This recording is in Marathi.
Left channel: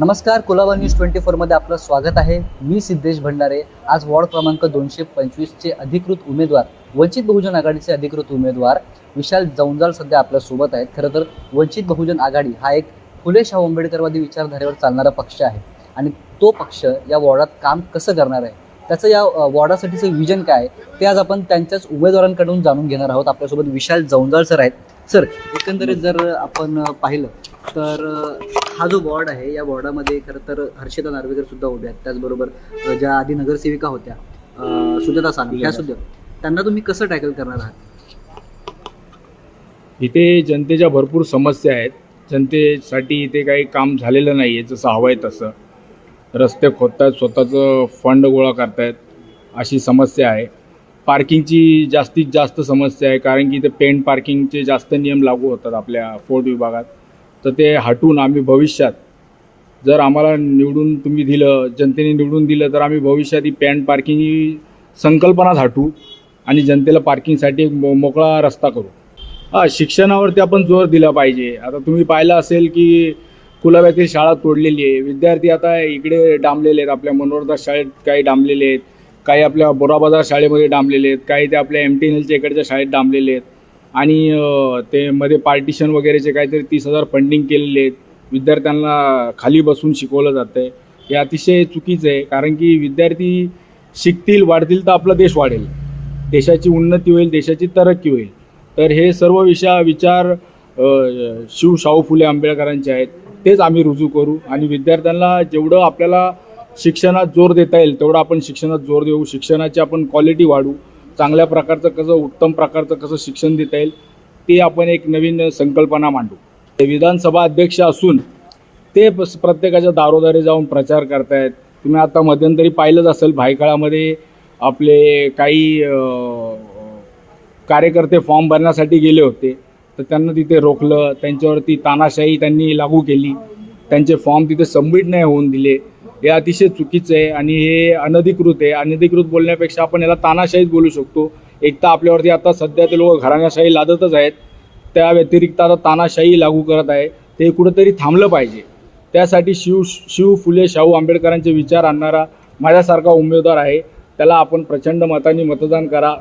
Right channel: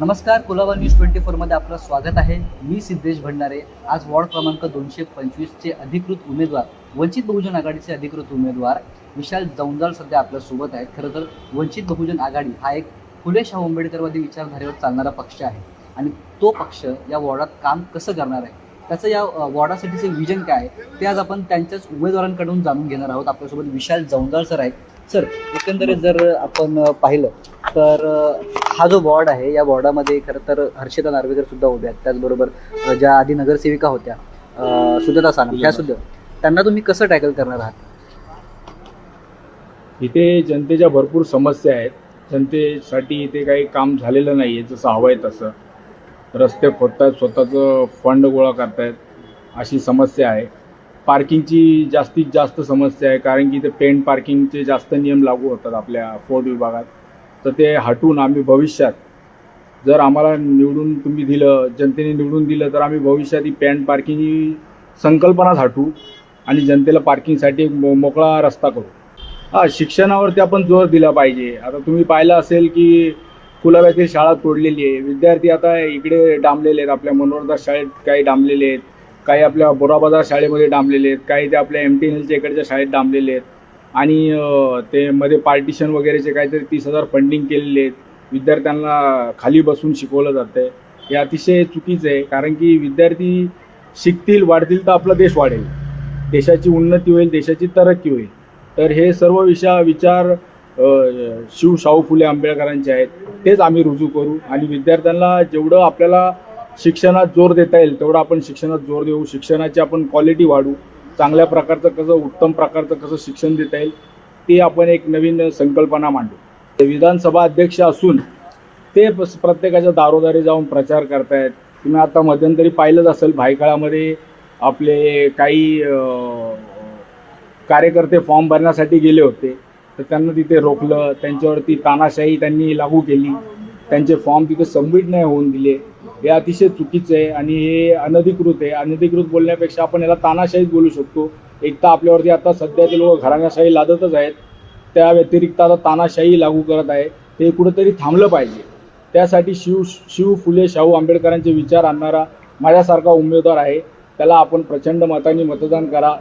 नमस्कार, कुलाबा न्यूज 24 मध्ये आपलं स्वागत आहे. मी सिद्धेश भंडारे. आज वॉर्ड क्रमांक 225 अधिकृत उमेदवार, वंचित बहुजन आघाडीचे अधिकृत उमेदवार विशाल जवंजाळ सध्या आपल्यासोबत आहेत. खरं तर वंचित बहुजन आघाडी हा एक फुले शाहू आंबेडकरवादी विचारधारेवर चालणारा पक्ष आहे आणि तो पक्ष या वॉर्डात काम कसं करणार आहे, त्याचं या वॉर्डासाठीचं विजन काय आहे, ते आज आपण त्यांच्याच उमेदवारांकडून जाणून घेणार आहोत. आपल्यासोबत विशाल जवंजाळ सर आहेत. सर, एकंदरीत जर आपण पाहिलं तर हा जो वॉर्ड आहे, या वॉर्डामध्ये खरं तर हर्षिता नार्वेकर सुद्धा उभ्या आहेत. त्याचबरोबर ज्या आधी नगरसेविका होत्या सुजाता सानप, ह्या सुद्धा, त्यांना तुम्ही कसं टॅकल करणार आहात? इथे जनतेच्या भरपूर समस्या आहेत. जनतेसाठी इथे काही काम झालेलं नाही आहे जसं हवं आहे तसं. रस्ते खोदतायत, स्वतःचं फंड गोळा करतायत, अशी समस्या आहे. पार्किंगची जास्तीत जास्त समस्या आहे, कारण की इथे पेंट पार्किंगचे जास्त नियम लागू होतात आपल्या फोर्ट विभागात. तर ते हटवून आम्ही भविष्यात, जर आम्हाला निवडून तुम्ही दिलं, जनतेने निवडून दिलं, तर आम्ही भविष्यात ही पेंट पार्किंग ही संकल्पनाच हटवू आणि जनतेला पार्किंगसाठी एक मोकळा रस्ता करू. शिक्षणावरती आपण जोर दिला पाहिजे. आता तुम्ही पाहिलं असेल की कुलाब्यातील शाळा तोडलेली आहे. विद्यार्थी आता इकडे डांबलेले आहेत, आपल्या मनोरदास शाळेत काही डांबलेले आहेत, काही आपल्या बोराबाजार शाळेमध्ये डांबलेले आहेत, काही ते आपल्या MTNLच्या इकडच्या शाळेत डांबलेले आहेत. आणि ते मध्ये पार्टिशन वगैरेचे काहीतरी 30,000 फंडिंग केलेले आहेत. विद्यार्थ्यांना खाली बसून शिकवलं जातं आहे. हे अतिशय चुकीचं आहे, कारण की विद्यार्थी शिकतील, वाढतील तर आपला देश वाढेल, देशाची उन्नती होईल, देशाची तरक्की होईल. तर हे सर्व विचार शाहू फुले आंबेडकरांचे आहेत, तेच आम्ही रुजू करू. आणि विद्यार्थ्यांना जेवढं आपल्याला शिक्षणात जोर देता येईल तेवढं आपण शिक्षणात जोर देऊ. शिक्षणाची आपण क्वालिटी वाढू. चांगल्या प्रकारचं कसं, उत्तम प्रकारचं कसं शिक्षण देता येईल, ते आपण एक नवीन संकल्पना मांडू. ते विधानसभा अध्यक्ष असून ते प्रत्येकाच्या दारोदारी जाऊन प्रचार करतायत. तुम्ही आता मध्यंतरी पाहिलंच असेल, भायखळामध्ये आपले काही कार्यकर्ते फॉर्म भरण्यासाठी गेले होते, तर त्यांना तिथे रोखलं, त्यांच्यावरती तानाशाही त्यांनी लागू केली, त्यांचे फॉर्म तिथे सबमिट नाही होऊन दिले. हे अतिशय चुकीचं आहे आणि हे अनधिकृत आहे. अनधिकृत बोलण्यापेक्षा आपण याला तानाशाहीच बोलू शकतो. एक तर आपल्यावरती आता सध्या ते लोक घराण्याशाही लादतच आहेत, त्या व्यतिरिक्त आता तानाशाही लागू करत आहे. ते कुठंतरी थांबलं पाहिजे. त्यासाठी शिव फुले शाहू आंबेडकरांचे विचार आणणारा माझ्यासारखा उमेदवार आहे, त्याला आपण प्रचंड मतांनी मतदान करा.